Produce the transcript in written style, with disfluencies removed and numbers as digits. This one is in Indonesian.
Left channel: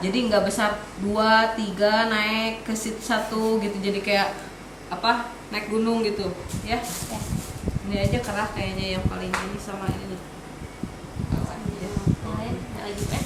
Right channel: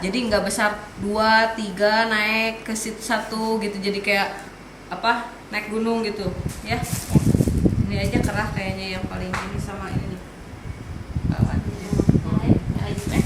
jadi nggak besar 2, 3 naik ke situ 1 gitu, jadi kayak apa, naik gunung gitu ya. Ini aja kerah kayaknya yang paling ini sama ini nih. Yang lagi